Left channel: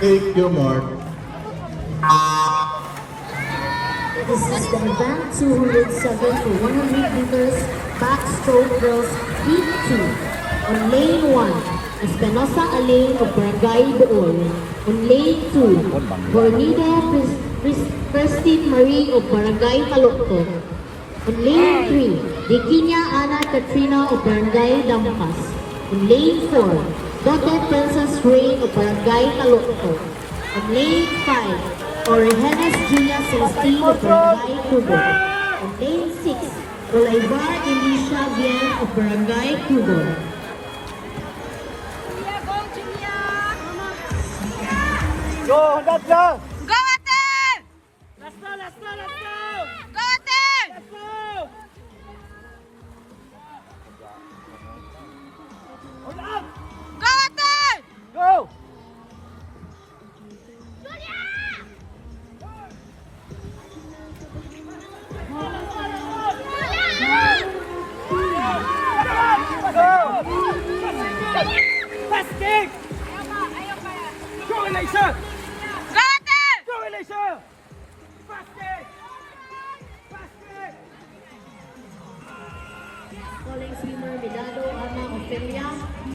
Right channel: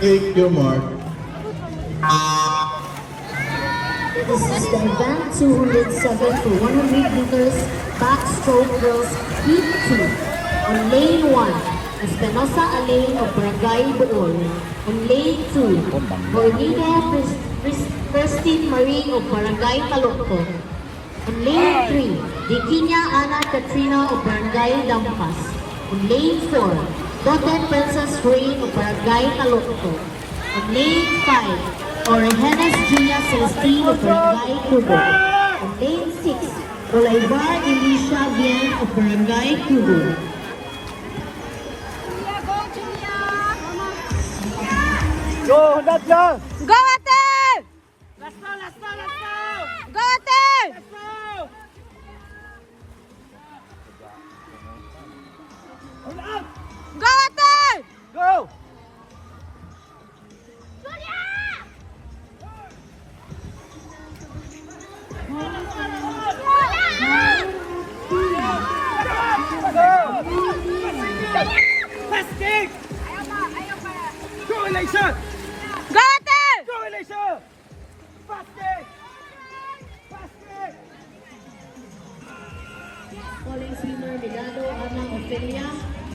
Thank you, Mark. This is the event 207 for 100 meters backstroke girls heat 2. On lane 1, Espinosa Alain of Barangay Doon. On lane 2, Gornina Prestige Marie of Barangay Talukto. On lane 3, Dikinia Ana Katrina of Barangay Dampas. On lane 4, Dr. Princess Rain of Barangay Talukto. On lane 5, Orejenas Gia Celestine of Barangay Tubo. On lane 6, Olaibar Elisha Bien of Barangay Tubo. Go, let's go! Go, Ate! Let's go, let's go, let's go! Go, Ate! Let's go! Hold on! Go, Ate! Go! Let's kick! Go, Elisha! Go, Ate! Go, Elisha! Fast kick! Fast kick! Calling swimmer Delgado Ana of Peria.